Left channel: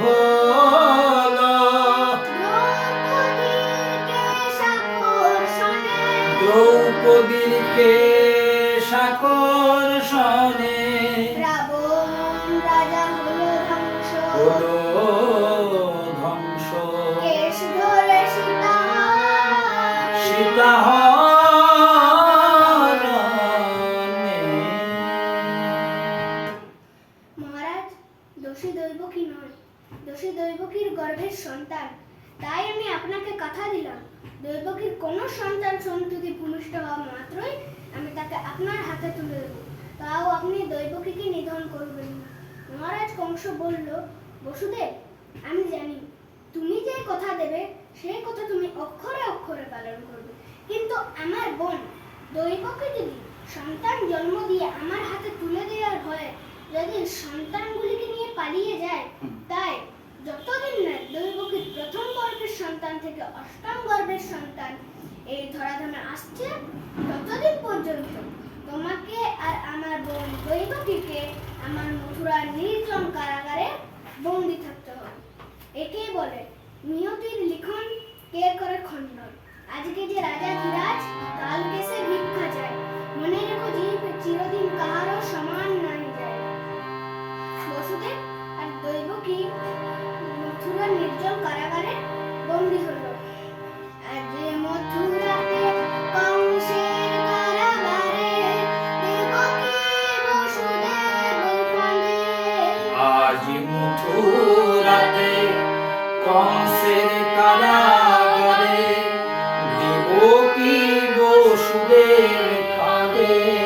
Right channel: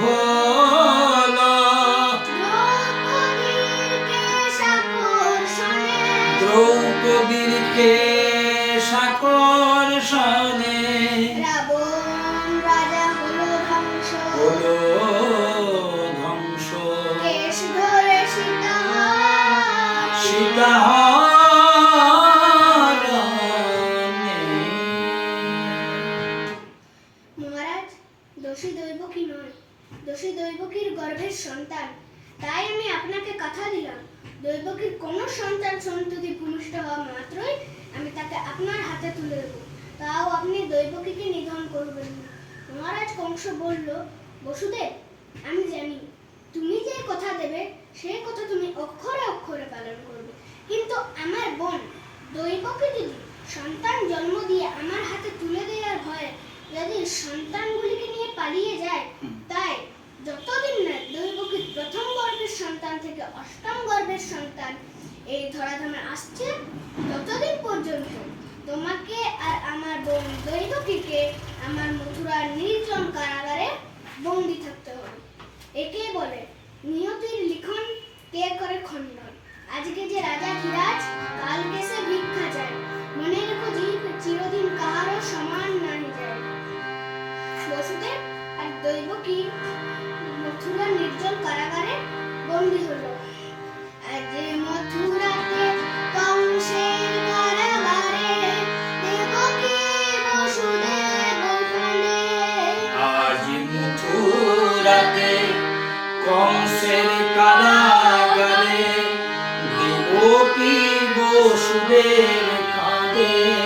হলো দ্রৌপদীর আকর্ষণে রাবণ রাজা হলো ধ্বংস। সীতা কোনো সন্তান সন্ততি ভূমিষ্ঠ হওয়া মাত্রই আমি তাকে আপনার হাতে তুলে দেব। তাও আপনি দৈবকীকে নিধন করবেন না। মহারাজ কংস বলল বসুদেব আমি জানি তুমি যে কথা দেবে সেই কথা তুমি অক্ষরে অক্ষরে পালন করবে। কিন্তু আমার বোন দৈবকী যদি সন্তান জন্ম দিয়ে আমার হাতে তুলে দেওয়ার ভয়ে যদি সন্তানগুলিকে নিয়ে পালিয়ে যায় তাই যতদিন না দৈবকীর প্রথম গর্ভের সন্তান থেকে অষ্টম গর্ভের সন্তান এই ধরাধামে আসছে ততদিন পর্যন্ত। তোমাকে আর আমার বোন দৈবকীকে আমার মথুরার নির্জন কারাগারে বন্দি থাকতে হবে। একেই বলে নিয়তির লিখন কে করে খণ্ডন? আজকে যে রাজা ধীরাজ কালকে সে ভিক্ষা যায় মনে রেখো জীব চিরদিন কাহারও সমান নাই যায়। বসুদেব আর দৈবকী মথুরা নির্জন কারাগারে বন্দী হলো। আর মথুরাতে মথুরাতে কংসের কারাগারে দেবকী বসুদেব কাঁদে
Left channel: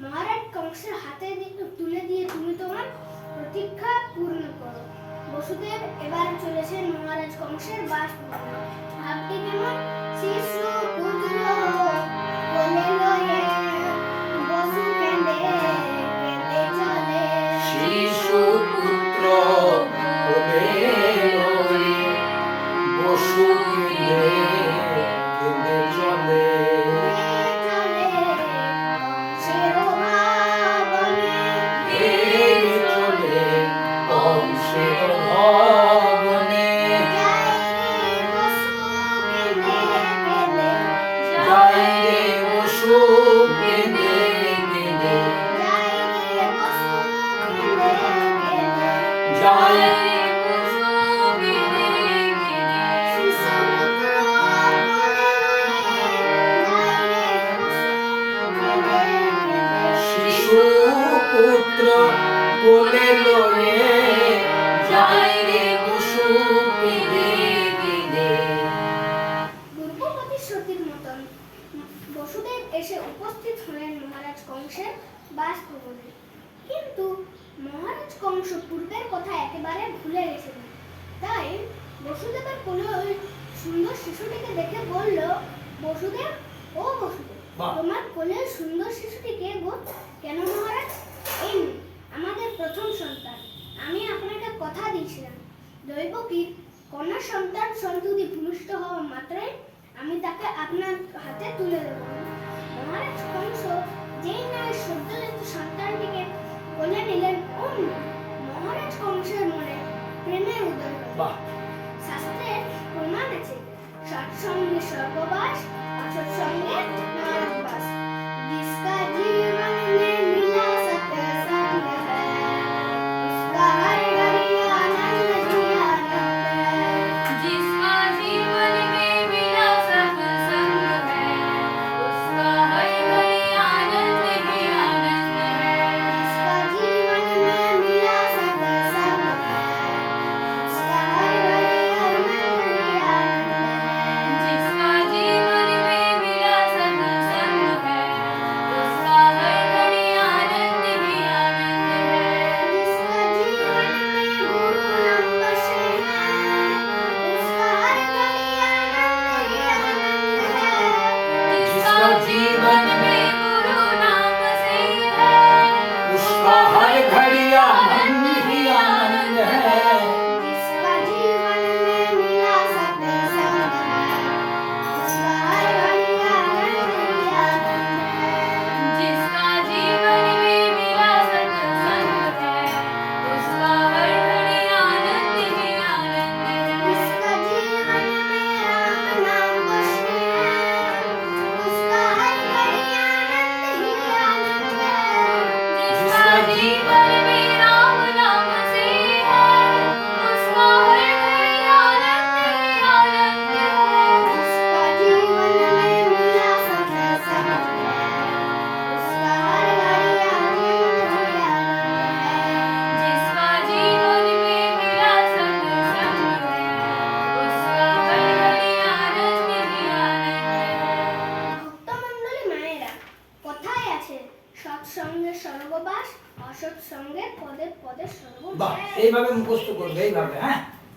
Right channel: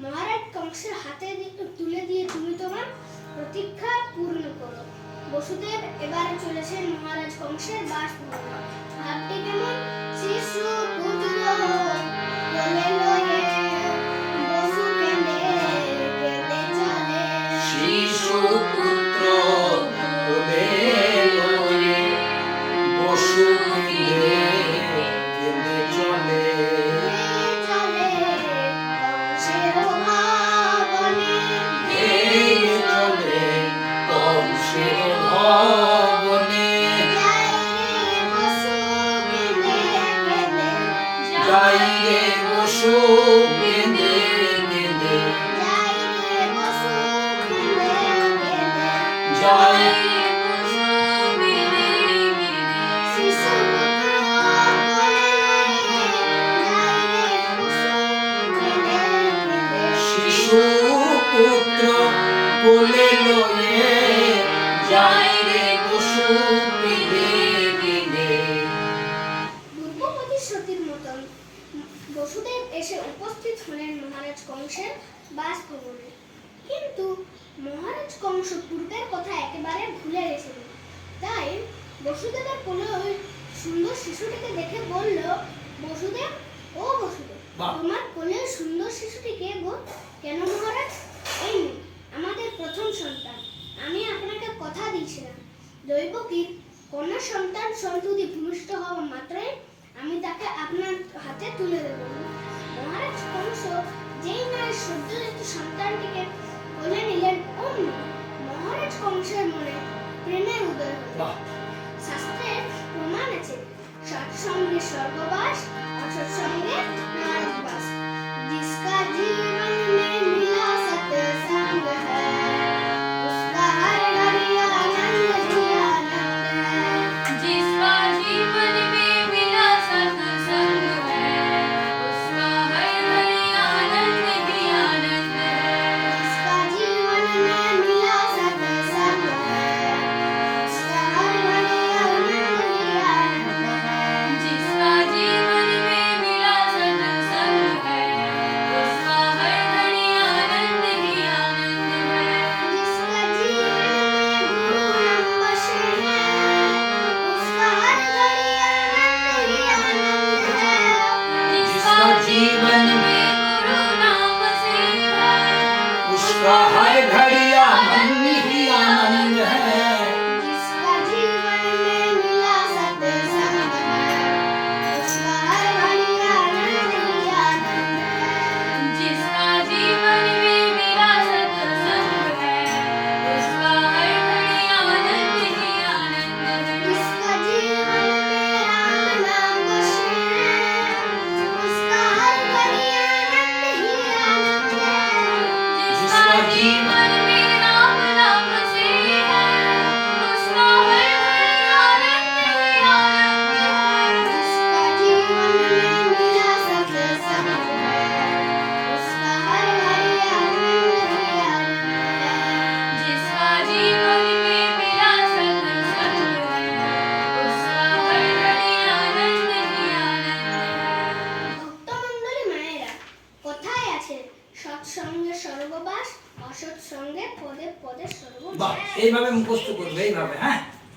মহারাজ কংসের হাতে তুলে দিয়ে তুমি তোমার প্রতীক্ষা পূর্ণ করো। বসুদেব এবার চলেছেন মহারাজ কংসের বাস ভাবটি কেমন? শিশু যাই রে বসু কেঁদে কেঁদে যাই শিশু পুত্র কোলে লয়ে বাসভবনে কিন্তু মহারাজ কংস পূর্বের কথা একেবারে ভুলে গেছিলেন তাই বসুদেবের কোলে ওই সুন্দর শিশুটিকে দেখে বলল বসুদেব ও বসুদেব তোমার কোলে সুন্দর শিশুটি কে গো? কেন মহারাজ? এই আমাদের প্রথম সন্তান। আমি আপনাকে কথা দিয়েছিলাম। দৈবকীর কন্যা সন্তান সন্ততি ভূমিষ্ঠ হওয়া মাত্রই আমি তাকে আপনার হাতে তুলে দেব। মহারাজ কংস যেই নারী সদ্যজাত সন্তানটিকে কোলে নিলেন even. বাহ এইভাবে মুখস্থ করবে এইভাবে হ্যাঁ?